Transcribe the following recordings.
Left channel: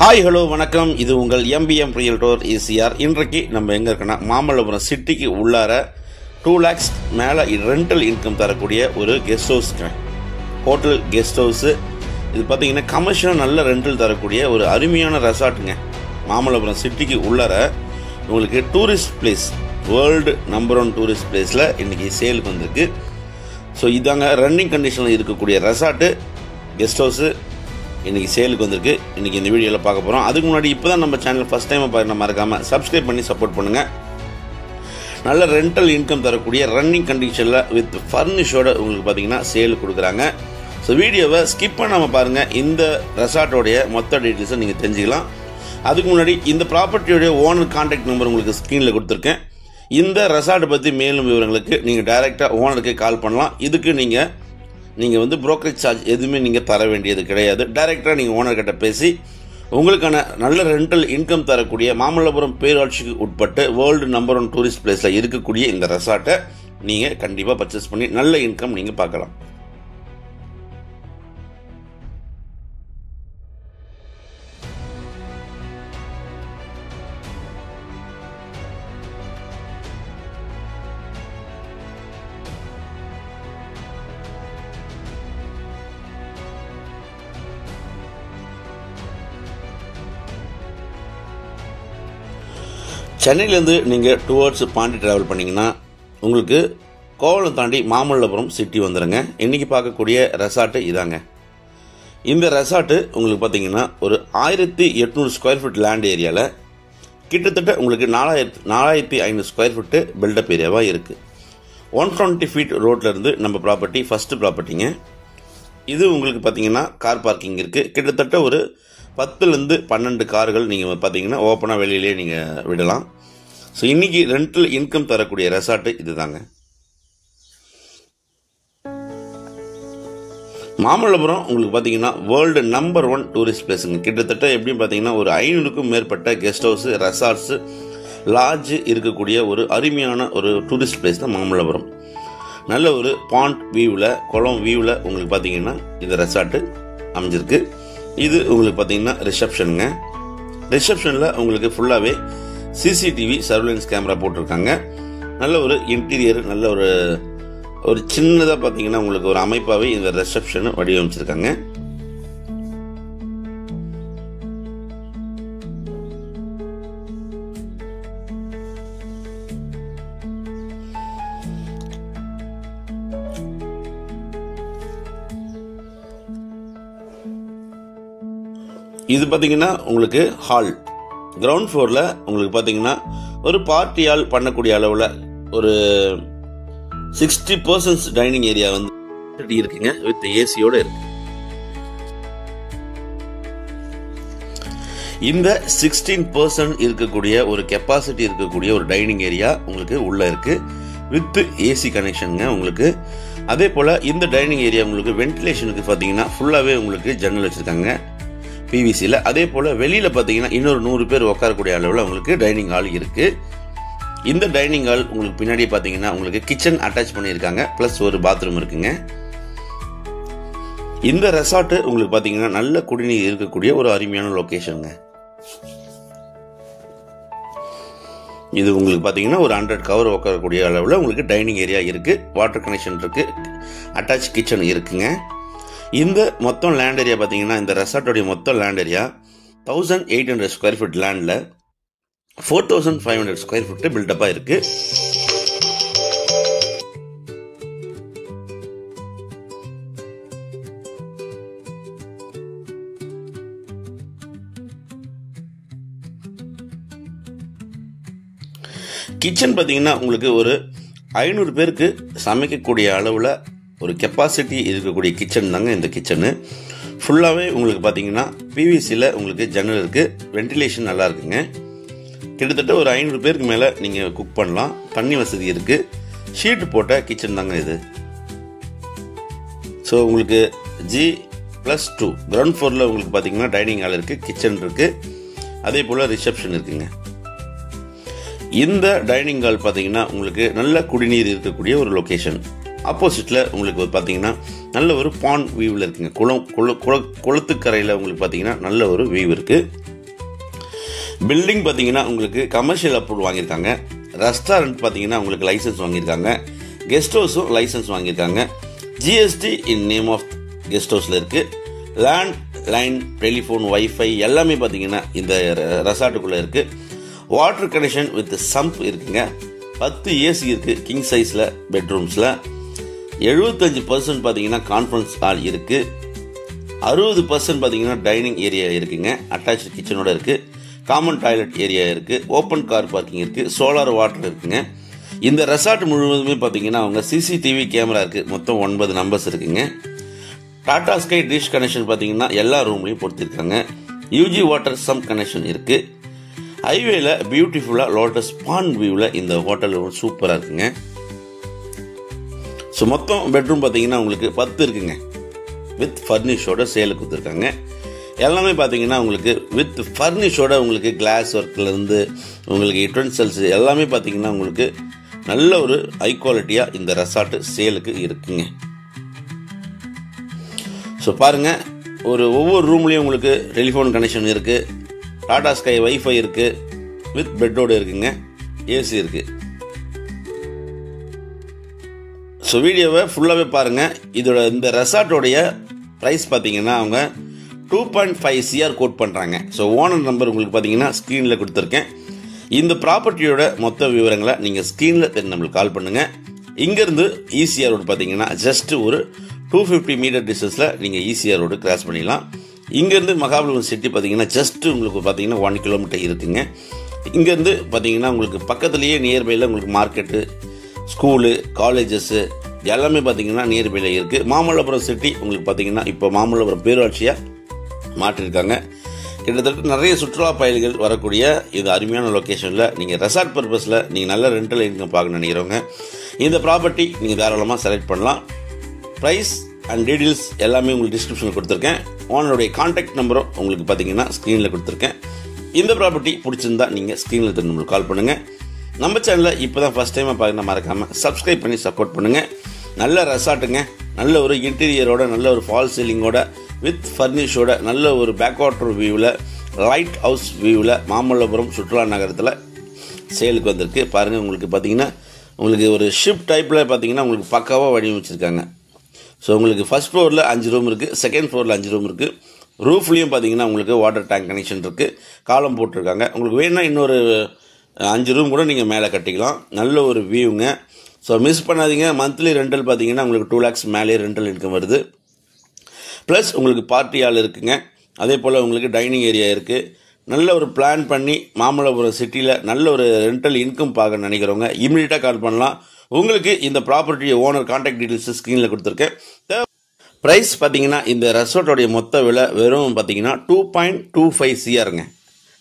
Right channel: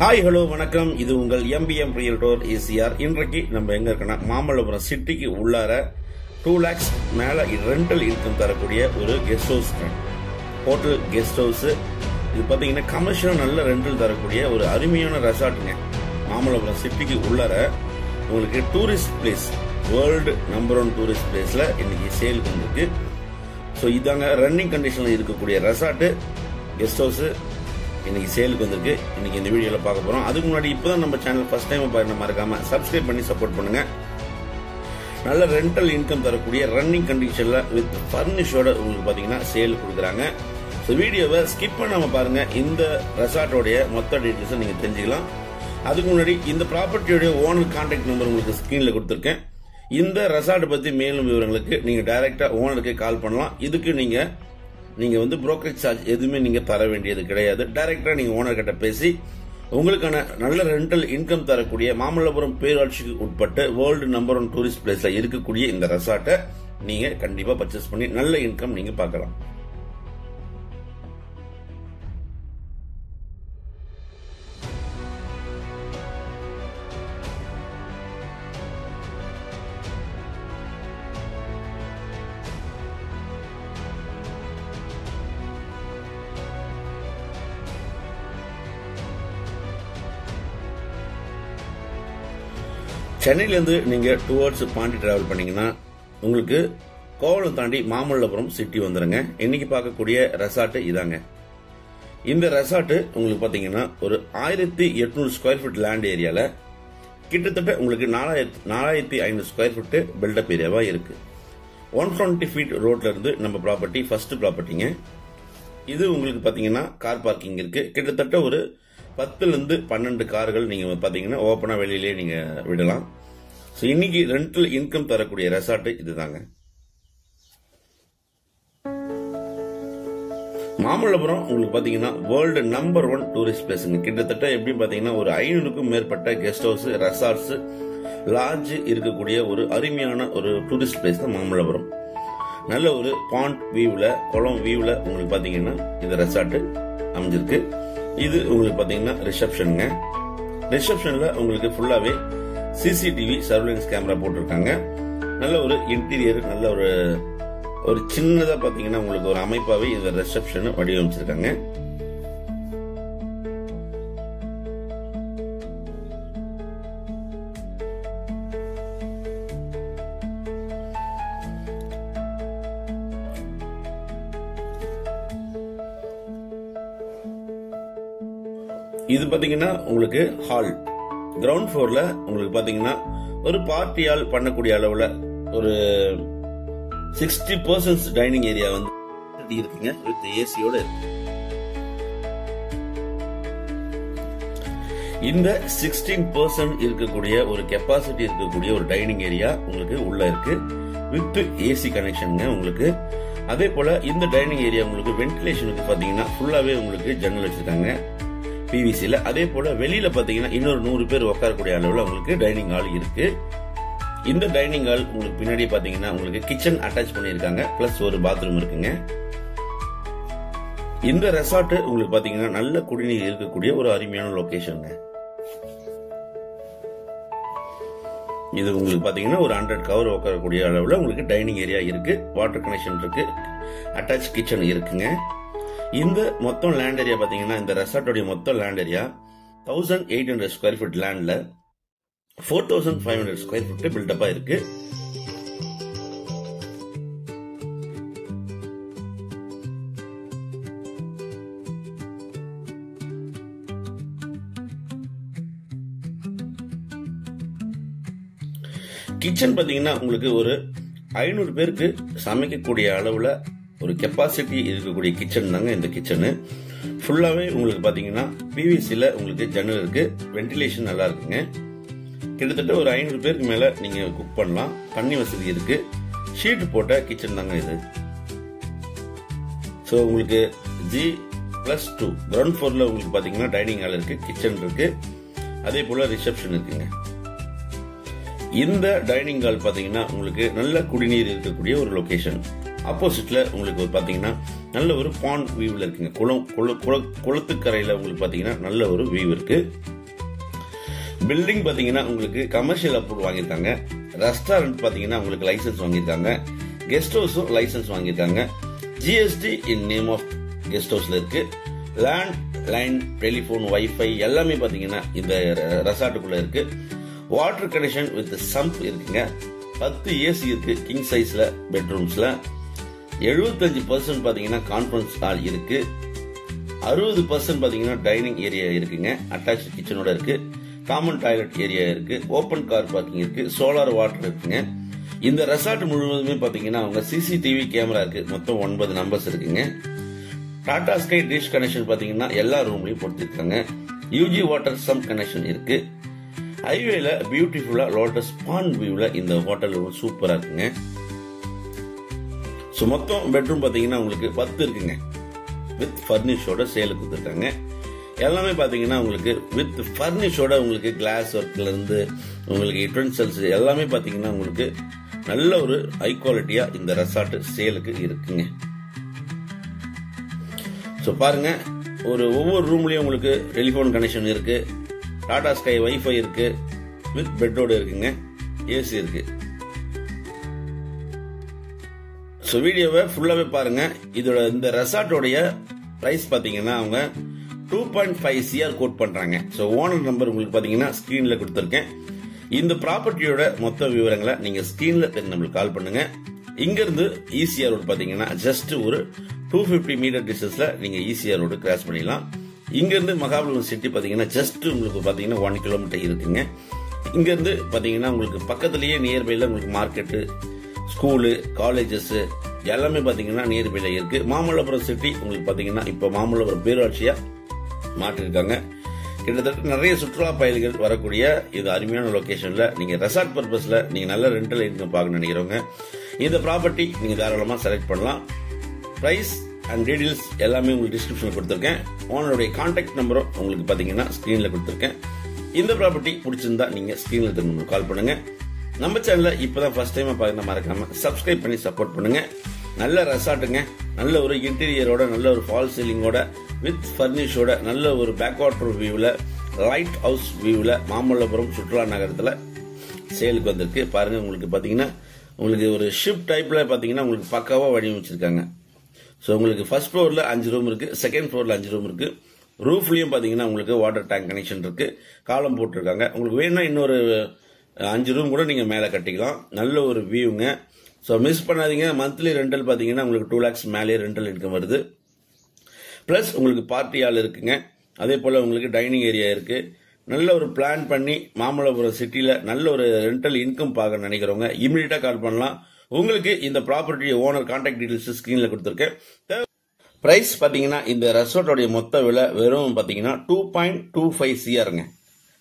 Hi hello வணக்கம். இது உங்கள் MBM ரியல்டோர் ECR. இன்றைக்கு நம்ம எங்க இருக்கோம்னா மாமல்லபுரம் சிட்டிக்கு உள்ளார 2 lakhs மேல ரெண்டல் இன்கம் தரக்கூடிய ஒரு guest house, hotel guest house. இது பார்த்தீங்கன்னா கமர்ஷியல் நல்ல ரெண்டல் தரக்கூடிய ஒரு அருமையான ரெசார்ட்டுங்க. மாமல்லபுரம் சிட்டிக்கு உள்ளார உங்களுக்கு tourist place, world number 1 tourist பிளேஸ்ல இன்னைக்கு சேலுக்கு வந்திருக்கு. ஸோ இதாங்க ரன்னிங் கண்டிஷனில் இருக்கக்கூடிய ரெசார்ட்டு கெஸ்ட் ஹவுஸ் இன்னைக்கு சேலுக்கு வந்திருக்கு. இன்னைக்கு இந்த வீடியோவில் பார்க்க போகிறோம். அதுக்கு முன்னாடி இப்போ தான் நம்ம சேனல் ஃபர்ஸ்ட் டைம் பார்க்க மறக்காம சப்ஸ்கிரைப் பண்ணி சப்போர்ட் பண்ணுங்க. நல்ல ரெண்டல் இன்கம் தரக்கூடிய ரன்னிங் கண்டிஷனில் வித் ஃபர்னிஷோட உங்களுக்கு பார்த்தீங்கன்னா சேல் கொடுக்குறாங்க. ஸோ வீடியோவை ஸ்கிப் பண்ணாமல் பாருங்க. இந்த ரெசார்ட்டோடைய மொத்த டீட்டெயில்ஸை நீங்கள் தெரிஞ்சுக்கலாம். அதுக்கு முன்னாடி இந்த ப்ராப்பர்ட்டியோடைய ஓனர் கான்டாக்ட் நம்பர் உங்களுக்கு ஸ்க்ரீனில் கொடுத்துருக்கேன். இந்த ரெசார்ட்டை பற்றி மேலும் விவரங்களுக்கு நீங்கள் டைரெக்டாக ஓனருக்கு கால் பண்ணலாம். இதுக்கு நீங்கள் வந்து புரோக்கரேஜ் சார்ஜ் எதுவுமே நீங்கள் தர வேண்டியது கிடையாது. டைரெக்டாக நீங்கள் ஓனர்கிட்ட பேசி உங்களுக்கான நல்ல ரெண்டல் இன்கம் தரக்கூடிய மாமல்லபுரம் பேரூராட்சிக்கு உட்பட்டு வேர்ல்டு நம்பர் 1 டூரிஸ்ட் பிளேஸில் இருக்கக்கூடிய இந்த ரெசார்ட்டை நீங்கள் கண்டிப்பாக பர்ச்சேஸ் பண்ணி நல்ல இன்கம் நீங்கள் பார்க்கலாம். சென்னையிலேருந்து நீங்கள் டுவர்ட்ஸ் பாண்டி டிராவல் பண்ணிங்கன்னா உங்களுக்கு கோவளம் தாண்டி மாமல்லபுரம் சிட்டி வந்துடுங்க. இன்றைக்கி பார்க்கக்கூடிய ரெசார்ட்டு இதாங்க. இந்த ரெசார்ட்டு உங்களுக்கு பார்த்தீங்கன்னா ஒரு 1800 ஸ்கொயர் ஃபீட் லேண்ட் ஏரியாவில் கிட்டத்தட்ட உங்களுக்கு 4500 ஸ்கொயர் ஃபீட்டு பில்டப் ஏரியாவாக இருக்குது. 120 ஃபீட் ரோட்லேருந்து நம்ம ப்ராப்பர்ட்டி ஃபஸ்ட்டு ப்ராப்பர்ட்டிங்க. இது உங்களுக்கு பார்த்தீங்கன்னா கார் பார்க்கிங் இருக்குது. கிட்டத்தட்ட ஒரு 10லேருந்து 12 கார்கள் நீங்கள் பார்த்தீங்கன்னா ஓப்பனாக வெளியிலே நீங்கள் விடலாம். ஸோ இன்னைக்கு ரெண்டல் இன்கம் தரக்கூடிய ரெசார்ட்டு இதுதாங்க. மாமல்லபுரம் உங்களுக்கு பார்த்தீங்கன்னா வேர்ல்டு நம்பர் 1 டூரிஸ்ட் பிளேஸுங்க. கிட்டத்தட்ட எப்படின்னு பார்த்தீங்கன்னா ஒரு 500க்கும் மேற்பட்ட கெஸ்ட் ஹவுஸ், ரெசார்ட்ஸ், லாட்ஜ் இருக்கக்கூடிய ஒரு அருமையான ஒரு டூரிஸ்ட் பிளேஸ் தான் மாமல்லபுரம். நல்ல ஒரு பாண்ட் வியூவில், குளம் வியூவில் உங்களுக்கு பார்த்தீங்கன்னா இந்த ரெசார்ட்டு அமைஞ்சிருக்கு. இது உங்களுக்கு பார்த்தீங்கன்னா ரிசப்ஷனுங்க. ரிசப்ஷனில் உங்களுக்கு ஃபுல்லாகவே CCTV சர்வேலன்ஸ் கேமரா போட்டிருக்காங்க. நல்ல ஒரு இன்டீரியர், நல்ல ஒரு சின்னதாக பார்த்தீங்கன்னா உங்களுக்கு ஒரு அமைப்பாகவே இந்த ரிசப்ஷனை வடிவமைச்சிருக்காங்க. இது பார்த்தீங்கன்னா உங்களுக்கு ஹால், கிரவுண்ட் ஃப்ளோரில் உங்களுக்கு பார்த்தீங்கன்னா ஒரு பார்ட்டியால் பண்ணக்கூடிய அளவில் ஒரு 60% டைனிங் ஏரியா வந்து இருக்குங்க. வித் ஏசியோட இருக்கு. இந்த 16% இருக்கக்கூடிய ஒரு கெப்பாசிட்டி இருக்கக்கூடிய ஒரு டைனிங் ஏரியா உங்களுக்கு உள்ள இருக்கு வித் ஏசி கனெக்ஷனுங்க உங்களுக்கு. அதே போல இந்த டைனிங் ஏரியா உங்களுக்கு வென்டிலேஷனுக்கு பார்த்தீங்கன்னா ஃபுல்லாகவே உங்களுக்கு ஜன்னல் வச்சிருக்காங்க PVCல. அதே போல வெளியில பாத்தீங்கன்னா இன்னொரு 100 பேர் உட்காரக்கூடிய அளவில் உங்களுக்கு டைனிங் ஹால் இருக்கு. இந்த டைனிங் ஹால் உங்களுக்கு பின்னாடி பாத்தீங்கன்னா உங்களுக்கு கிச்சன் அட்டாச் பண்ணியிருக்காங்க, பிளஸ் ஒரு பாத்ரூம் இருக்குங்க. இந்த ரெசார்ட் உங்களுக்கு பாத்தீங்கன்னா நல்ல குடிநீர் இருக்கக்கூடிய ஒரு அருமையான லொகேஷனுங்க. இது உங்களுக்கு பாத்தீங்கன்னா ஒரு 100 கவர் உட்காரக்கூடிய அளவில் உங்களுக்கு டைனிங் ஏரியா இருக்கு, வாட்டர் கனெக்ஷன் இருக்கு, அட்டாச் கிச்சன் இருக்குங்க. இந்த மொத்தம் லேண்ட் ஏரியா பார்த்தீங்கன்னா இந்த ரெசார்ட்டோடைய மொத்தம் லேண்ட் ஏரியா 1800 ஸ்கொயர் ஃபீட் லேண்டில் 4500 ஸ்கொயர் ஃபீட் பில்டப்பாக இருக்கு. கிச்சன் பார்த்தீங்கன்னா உங்களுக்கு ஒரு 500 பேருக்கு சமைக்கக்கூடிய அளவில் ஒரு கெப்பாசிட்டி இருக்கக்கூடிய கிச்சன் தாங்க இந்த கிச்சனு. ஃபுல்லாகவே உங்களுக்கு பார்த்தீங்கன்னா PVCயில் உங்களுக்கு ஜன்னல் இருக்கு, வென்டிலேஷன் நல்லா இருக்குங்க. கிட்டத்தட்ட ஒரு 500 பேருக்கு மேலே நீங்கள் குக் பண்ணலாம். தண்ணி வசதி இருக்கு. ஷீட் போட்ட கிச்சன் தாங்க இது. ஸோ உங்களுக்கு G+2 கிரவுண்ட் ஃப்ளோரில் உங்களுக்கு பார்த்தீங்கன்னா டைனிங் ஹால் இருக்கு, கிச்சன் இருக்கு, அதே போல் ரிசப்ஷன் இருக்குங்க. இந்த டைனிங் ஹால் பார்த்தீங்கன்னா உங்களுக்கு நல்ல குடிநீர் இருக்கக்கூடிய ஒரு லொகேஷன். ஆப்போசிட்டில் உங்களுக்கு பார்த்தீங்கன்னா நல்ல ஒரு பாண்ட் வியூவில் இருக்குங்க. குளத்துக்கரையில் உங்களுக்கு பார்த்தீங்கன்னா நல்ல ஒரு வியூ இருக்குது. பில்டிங் பார்த்தீங்கன்னா உங்களுக்கு கமர்ஷியல் அப்ரூவல் வாங்கியிருக்காங்க. ரெஸ்டாரண்ட் பார்த்தீங்கன்னா உங்களுக்கு லைசன்ஸ் வாங்கியிருக்காங்க. கெஸ்ட் ஹவுஸும் லைசன்ஸ் வாங்கியிருக்காங்க. GST in name of guest ஹவுஸில் இருக்குது. லேண்ட் லைன், டெலிஃபோன், வைஃபை எல்லாமே பார்த்தீங்கன்னா இந்த ரெசார்ட்டுக்குள்ளே இருக்குது. வாட்டர் கனெக்ஷன் வித் சம்ப் இருக்குங்க. 10 ஏசி இருக்கு கிங் சைஸில் பெட்ரூம்ஸில். 75% பார்த்தீங்கன்னா கான்ஃபரன்ஸ் ஹால் இருக்கு. 60% பார்த்தீங்கன்னா டைனிங் ஏரியா இருக்குங்க. அட்டாச் கிச்சனோட இருக்கு. காமன் டாய்லெட் ஏரியா இருக்கு. ஓப்பன் கார் பார்க்கிங் இருக்கு. சோலார் வாட்டர் இருக்குங்க. இந்த ரெசார்ட் முழுவதுமே பார்த்தீங்கன்னா அவங்க சிசிடிவி கேமரா இருக்கு. மொத்தம் 9 நம்பர்ஸ் இருக்குங்க. டாடா ஸ்கை டிஷ் கனெக்ஷன் பார்த்தீங்கன்னா எல்லா ரூம்லையும் பொறுத்திருக்காங்க. யூஜி வாட்டர் சம் கனெக்ஷன் இருக்கு. ஹைவேல பியூட்டிஃபுல்லா லோட்டஸ் பாண்ட் வியூல இந்த ஹோட்டல் சூப்பரா இருக்குங்க. ஸோ மொத்தம் பெட்ரூம் பார்த்தீங்கன்னா உங்களுக்கு 10 இருக்குங்க. வித் ஃபர்னிஷோட சேலுக்கு கொடுத்துருக்காங்க. எல்லாமே பார்த்தீங்கன்னா உங்களுக்கு வித் ஃபர்னிஷோட உங்களுக்கு கிளாஸ் ஒர்க்ல இருந்து உங்களுக்கு யுட்டென்சில்ஸ் எல்லாமே பார்த்தீங்கன்னா உங்களுக்கு நல்ல ஒரு ஹை குவாலிட்டியா இந்த ரெசார்ட் சேலுக்கு இருக்குங்க. ஸோ பாருங்க, ஒவ்வொரு ரூம்லயும் உங்களுக்கு டெலிஃபோன் கனெக்ஷன் இருக்கு. டாடா ஸ்கை வைஃபை இருக்கு. வித் பெட்டோட இருக்குங்க. ஏசி இருக்கு. ஸோ வீடியோவை ஃபுல்லாகவே பாருங்க. இதோட இந்த ரெசார்ட்டோடைய ப்ரைஸ் பார்த்தீங்கன்னா அவங்க 2.5 CR கோட் பண்றாங்க. ஸோ ஓனர் நம்பர் உங்களுக்கு பார்த்தீங்கன்னா ஸ்க்ரீனில் கொடுத்துருக்கேன். இந்த ப்ராப்பர்ட்டியோட மொத்த விவரங்களை நீங்க ஸ்க்ரீனில் நம்மளுக்கு கால் பண்ணுங்க. இங்கிருந்து ECR ரோடு பார்த்தீங்கன்னா ஜஸ்ட் ஒரு 250 மீட்டர் டிஸ்டன்ஸ்ல நீங்க ECR ரோடு கிராஸ் பண்ணிடலாம். இங்கிருந்து மகாபலிபுரம் சிட்டி பார்த்தீங்கன்னா ஜஸ்ட் உங்களுக்கு பார்த்தீங்கன்னா 1 கிலோமீட்டர் இருக்குங்க. இங்கிருந்து பார்த்தீங்கன்னா உங்களுக்கு பக்கத்துலேயே நியர்பைல உங்களுக்கு மார்க்கெட்டு, ஸ்கூலு, காலேஜஸ் எல்லாமே பார்த்தீங்கன்னா நியர்பைல இருக்கு. மாமல்லபுரம் சிட்டி உங்களுக்கு பார்த்தீங்கன்னா இப்போ மாமல்லபுரம் பேரூராட்சியா மாற்றிருக்காங்க. கிட்டத்தட்ட நிறைய சுற்றுலா பயணிகள் வரக்கூடிய இது அருமையான லொகேஷன்ல நீங்க ரெசார்ட் பர்பஸ்ல நீங்க நல்ல ரெண்டல் இன்கம் பார்க்க நினைக்கிறவங்க இந்த ப்ராப்பர்ட்டி நீங்க தாராளமா செலக்ட் பண்ணலாம். பிரைஸ் அண்ட் டீடைல்ஸ் எல்லாமே உங்களுக்கு டிஸ்கிரிப்ஷன்ல கொடுத்துருக்கேன். ஓனருடைய கான்டாக்ட் நம்பரும் உங்களுக்கு பாத்தீங்கன்னா ஸ்கிரீன்ல கொடுத்துருக்கேன். இந்த ப்ராப்பர்ட்டி பிடிச்சிருந்தா நீங்க ஸ்கிரீன்ல நம்மளுக்கு கால் பண்ணுங்க. நம்ம சேனலை இப்பதான் ஃபர்ஸ்ட் டைமா பாருங்க, மறக்காம சப்ஸ்கிரைப் பண்ணி சப்போர்ட் பண்ணுங்க. நல்ல ரெசார்ட்டுங்க, நல்ல ஒரு இன்டீரியரோட, நல்ல ஒரு ஃபால் சீலிங்கோட, வித் ஃபர்னிஷோட, நல்ல ஒரு பேக் வாட்டர் வியூவில், லைட் ஹவுஸ் வியூவில் மாமல்லபுரம் சுற்றுலா நகரத்தில் சேலுக்கு வந்திருக்கு. பாருங்க, உங்களுக்கு பார்த்தீங்கன்னா உங்களுக்கு ஒரு ஷிப் டைப்ல பார்த்தீங்கன்னா உங்களுக்கு பக்காவாக வடிவமைச்சிருக்காங்க. ஸோ உங்களுக்கு ஃபர்ஸ்ட் ஃப்ளோரில் 5 ரூம் இருக்கு, செகண்ட் ஃப்ளோரில் 5 ரூம் இருக்கு. ரூஃப்லயும் பார்த்தீங்கன்னா உங்களுக்கு வாட்டர் டேங்க் கனெக்ஷன் இருக்கு, காலம் போட்டிருக்காங்க. உங்களுக்கு வேணும்னா இன்னொரு 5 ரூம் கூட நீங்க மேலே கட்டிக்கலாம். நல்ல ஒரு வியூங்க. ஸோ மிஸ் பண்ணாதீங்க. மந்த்லி ரெண்டல் பார்த்தீங்கன்னா உங்களுக்கு 2 lakhs மேலே ரெண்டல் இன்கம் வருது. பிளஸ் உங்களுக்கு பார்ட்டி ஹால் இருக்குங்க. அதே போல் உங்களுக்கு டைனிங் ஏரியா இருக்கு. நல்ல ஒரு பிளான் பண்ணி மாமல்லபுரம் சிட்டியில் நல்ல ஒரு ரெண்டல் இன்கம் பார்க்க நினைக்கிறவங்க இமீடியட்டாக கால் பண்ணலாம். உங்களுக்கு இந்த ப்ராப்பர்ட்டி ஓனர் கான்டாக்ட் டீடைல்ஸ் ஸ்கிரீனில் கொடுத்துருக்கேன். பிரைஸ் பார்த்தீங்கன்னா இந்த ரெசார்ட்டோடைய மொத்த விலை வெறும் பார்த்தீங்கன்னா 2.25 CRங்க.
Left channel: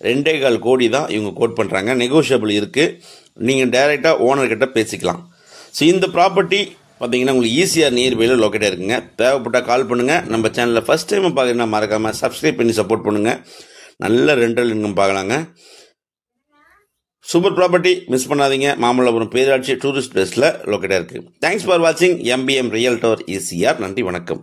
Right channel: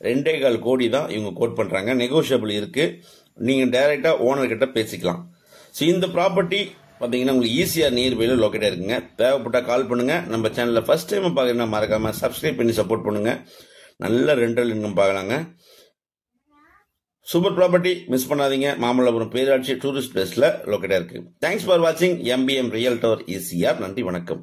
2.25 கோடி தான் இவங்க கோட் பண்ணுறாங்க. நெகோஷியபிள் இருக்கு, நீங்கள் டைரெக்டாக ஓனர்கிட்ட பேசிக்கலாம். ஸோ இந்த ப்ராப்பர்ட்டி பார்த்தீங்கன்னா உங்களுக்கு ECR நியர்பைல லொக்கேட்டாக இருக்குங்க. தேவைப்பட்டால் கால் பண்ணுங்க. நம்ம சேனலில் ஃபர்ஸ்ட் டைம் பார்க்கணும்னா மறக்காம சப்ஸ்கிரைப் பண்ணி சப்போர்ட் பண்ணுங்க. நல்ல ரெண்டல் இன்கம் பார்க்கலாங்க. சூப்பர் ப்ராப்பர்ட்டி மிஸ் பண்ணாதீங்க. மாமல்லபுரம் பேராட்சி டூரிஸ்ட் பிளேஸ்ல லொக்கேட்டாக இருக்கு. தேங்க்ஸ் ஃபார் வாட்சிங் MBM ரியல்டோர் ECR. நன்றி, வணக்கம்.